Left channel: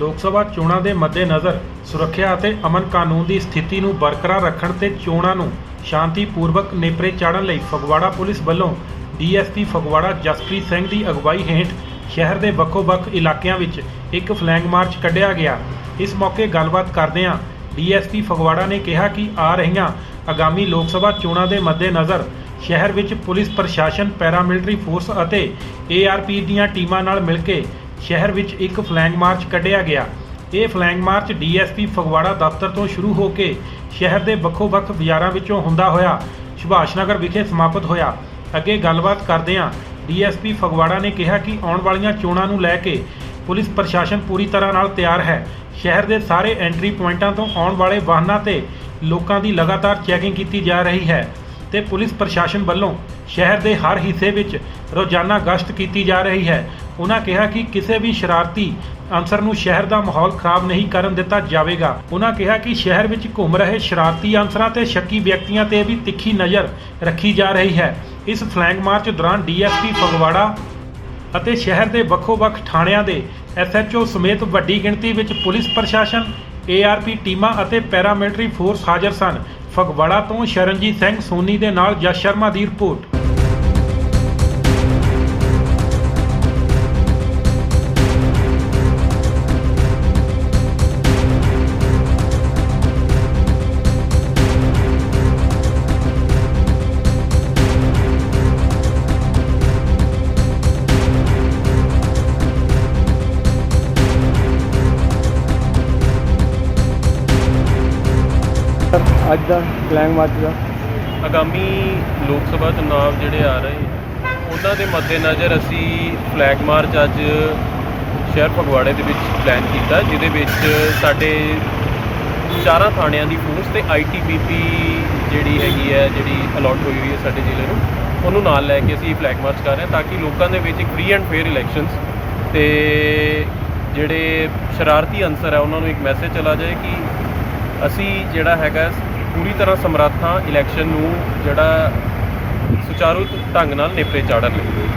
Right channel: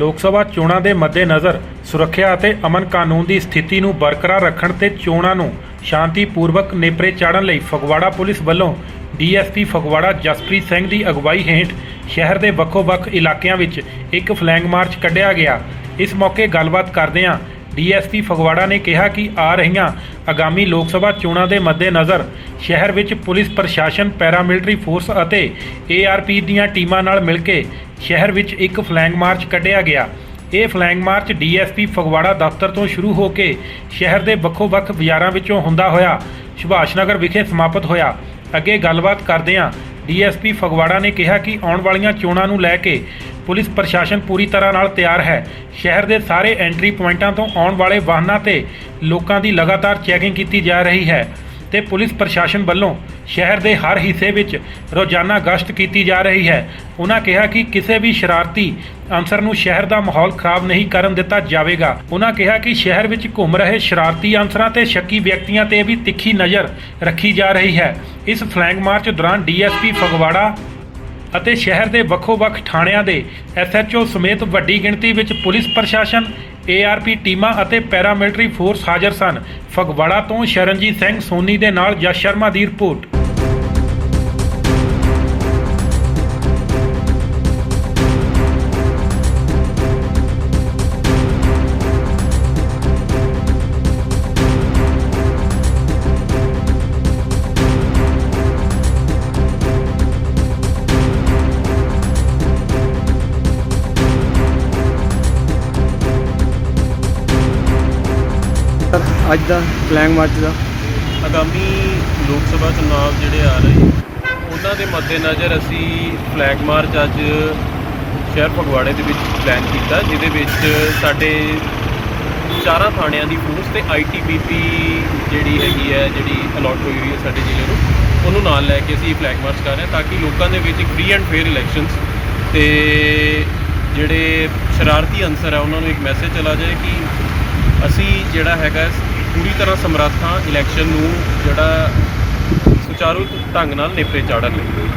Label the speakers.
Speaker 1: ਲੋਕ ਸਭਾ ਚੋਣਾਂ ਦੇ ਮੱਦੇਨਜ਼ਰ ਸੁਰੱਖਿਆ ਅਤੇ ਅਮਨ ਕਾਨੂੰਨ ਦੀ ਸਥਿਤੀ ਨੂੰ ਬਰਕਰਾਰ ਰੱਖਣ ਤੇ ਚੋਣਾਂ ਨੂੰ ਸ਼ਾਂਤੀਪੂਰਵਕ ਨੇਪਰੇ ਚਾੜਨ ਲਈ ਫਗਵਾੜਾ ਪੁਲਿਸ ਵੱਲੋਂ ਡੀਐਸਪੀ ਫਗਵਾੜਾ ਜਸਪ੍ਰੀਤ ਸਿੰਘ ਦੀ ਅਗਵਾਈ ਹੇਠ ਸ਼ਹਿਰ ਦੇ ਵੱਖੋ-ਵੱਖ ਇਲਾਕਿਆਂ ਵਿੱਚ ਇੱਕ ਫਲੈਂਗ ਮਾਰਚ ਕੱਢਿਆ ਗਿਆ। ਇਸ ਮੌਕੇ ਗੱਲਬਾਤ ਕਰਦਿਆਂ ਡੀਐਸਪੀ ਫਗਵਾੜਾ ਨੇ ਕਿਹਾ ਕਿ ਆ ਰਹੀਆਂ ਆਗਾਮੀ ਲੋਕ ਸਭਾ ਚੋਣਾਂ ਦੇ ਮੱਦੇਨਜ਼ਰ ਸ਼ਹਿਰ ਵਿੱਚ ਪੁਲਿਸ ਪ੍ਰਸ਼ਾਸਨ, ਪੈਰਾਮਿਲਟਰੀ ਫੋਰਸ ਅਤੇ ਏਆਰਪੀ ਦੀਆਂ ਟੀਮਾਂ ਨਾਲ ਮਿਲ ਕੇ ਸ਼ਹਿਰ ਵਿੱਚ ਇੱਕ ਫਲੈਂਗ ਮਾਰਚ ਕੱਢਿਆ ਗਿਆ। ਇਹ ਫਲੈਂਗ ਮਾਰਚ ਡੀਐਸਪੀ ਫਗਵਾੜਾ ਦਫ਼ਤਰ ਤੋਂ ਸ਼ੁਰੂ ਹੋ ਕੇ ਸ਼ਹਿਰ ਦੇ ਵੱਖੋ-ਵੱਖ ਬਾਜ਼ਾਰਾਂ ਵਿੱਚੋਂ ਹੁੰਦਾ ਹੋਇਆ ਸੁਭਾਸ਼ ਨਗਰ ਵਿਖੇ ਸਮਾਪਤ ਹੋਇਆ। ਅੱਗੇ ਗੱਲਬਾਤ ਕਰਦਿਆਂ ਡੀਐਸਪੀ ਫਗਵਾੜਾ ਨੇ ਕਿਹਾ ਕਿ ਆਉਣ ਵਾਲੀਆਂ ਚੋਣਾਂ ਨੂੰ ਲੈ ਕੇ ਪੁਲਿਸ ਪ੍ਰਸ਼ਾਸਨ ਪੂਰੀ ਤਰ੍ਹਾਂ ਨਾਲ ਤਿਆਰ ਹੈ। ਸ਼ਹਿਰ ਦੇ ਸਾਰੇ ਐਂਟਰੀ ਪੁਆਇੰਟਾਂ ਤੋਂ ਆਉਣ ਵਾਲੇ ਵਾਹਨਾਂ ਤੇ ਲੋਕਾਂ ਦੀ ਲਗਾਤਾਰ ਚੈਕਿੰਗ ਕੀਤੀ ਜਾ ਰਹੀ ਹੈ। ਤੇ ਪੁਲਿਸ ਪ੍ਰਸ਼ਾਸਨ ਵੱਲੋਂ ਸ਼ਹਿਰ ਦੇ ਹਰ ਹਿੱਸੇ ਵਿੱਚ ਰੋਜ਼ਾਨਾ ਗਸ਼ਤ ਕੀਤੀ ਜਾ ਰਹੀ ਹੈ। ਉਹਨਾਂ ਕਿਹਾ ਕਿ ਕਿਸੇ ਵੀ ਸ਼ਰਾਰਤੀ ਅਨਸਰ ਨੂੰ ਸ਼ਹਿਰ ਦਾ ਮਾਹੌਲ ਖਰਾਬ ਨਹੀਂ ਕਰਨ ਦਿੱਤਾ ਜਾਵੇਗਾ। ਉਹਨਾਂ ਕਿਹਾ ਕਿ ਸ਼ਹਿਰ ਵਿੱਚ ਘੁੰਮ ਰਹੇ ਸ਼ਰਾਰਤੀ ਅਨਸਰਾਂ ਤੇ ਸ਼ੱਕੀ ਵਿਅਕਤੀਆਂ ਤੇ ਵੀ ਤਿੱਖੀ ਨਜ਼ਰ ਰੱਖੀ ਜਾ ਰਹੀ ਹੈ। ਇਸ ਫਲੈਂਗ ਮਾਰਚ ਦੌਰਾਨ ਡੀਐਸਪੀ ਫਗਵਾੜਾ ਅਤੇ ਸ਼ਹਿਰ ਦੇ ਵੱਖੋ-ਵੱਖ ਥਾਣਿਆਂ ਦੇ ਐਸਐਚਓ ਸਮੇਤ ਵੱਡੀ ਗਿਣਤੀ ਵਿੱਚ ਪੁਲਿਸ ਪ੍ਰਸ਼ਾਸਨ ਏਆਰਪੀ ਟੀਮਾਂ ਅਤੇ ਪੈਰਾਮਿਲਟਰੀ ਫੋਰਸ ਹਾਜ਼ਰ ਸਨ। ਫਗਵਾੜਾ ਤੋਂ ਸ਼ਰਨਜੀਤ ਸਿੰਘ ਸੋਨੀ ਦੇ ਨਾਲ ਜਸ ਸ਼ਰਮਾ ਦੀ ਰਿਪੋਰਟ।
Speaker 2: ਸਰ, ਅੱਜ ਦਾ ਫਲੈਗ ਮਾਰਚ ਦਾ।
Speaker 3: ਆਗਾਮੀ ਲੋਕ ਸਭਾ ਚੁਣਾਵ ਜਿਹੜੇ ਆ ਰਹੇ, ਉਹਨਾਂ ਦੇ ਮੱਦੇਨਜ਼ਰ ਅਸੀਂ ਫਲੈਗ ਮਾਰਚ ਅੱਜ ਸ਼ਹਿਰ ਫਗਵਾੜੇ ਦੇ ਵਿੱਚ ਪਲਾਨ ਕੀਤਾ, ਜਿਹਦੇ ਵਿੱਚ ਸਾਡੇ ਚਾਰਾਂ ਥਾਣਿਆਂ ਦੀ ਫੋਰਸ ਤੇ ਆਈਟੀਬੀਪੀ ਜਿਹੜੀ ਹੈਗੀ ਹੈ, ਜਿਹੜੀ ਅਲਾਟ ਹੋਈ ਹੋਈ ਹੈ ਸਾਡੇ ਜ਼ਿਲ੍ਹੇ ਨੂੰ, ਉਹਨੂੰ ਨਾਲ ਲੈ ਕੇ ਅਸੀਂ ਫਲੈਗ ਮਾਰਚ ਕਰ ਰਹੇ ਹਾਂ, ਤਾਂ ਕਿ ਲੋਕਾਂ ਦੇ ਵਿੱਚ ਇੱਕ ਫ੍ਰੀ ਐਂਡ ਫੇਅਰ ਇਲੈਕਸ਼ਨਸ ਤੇ ਜਿਹੜੇ ਸ਼ਰਾਰਤੀ ਅਨਸਰ ਹੈ ਉਹਨਾਂ ਨੂੰ ਇੱਕ ਮੈਸੇਜ ਚਲਾ ਜਾਏ ਕਿ ਅਸੀਂ ਜਿਹੜਾ ਹੈਗਾ ਪੂਰੀ ਤਰ੍ਹਾਂ ਸਮਰੱਥ ਹਾਂ ਇਲੈਕਸ਼ਨ ਨੂੰ ਜਿਹੜਾ ਸੁਚਾਰੂ ਢੰਗ ਨਾਲ ਨੇਪਰੇ ਚਾੜਨ ਲਈ।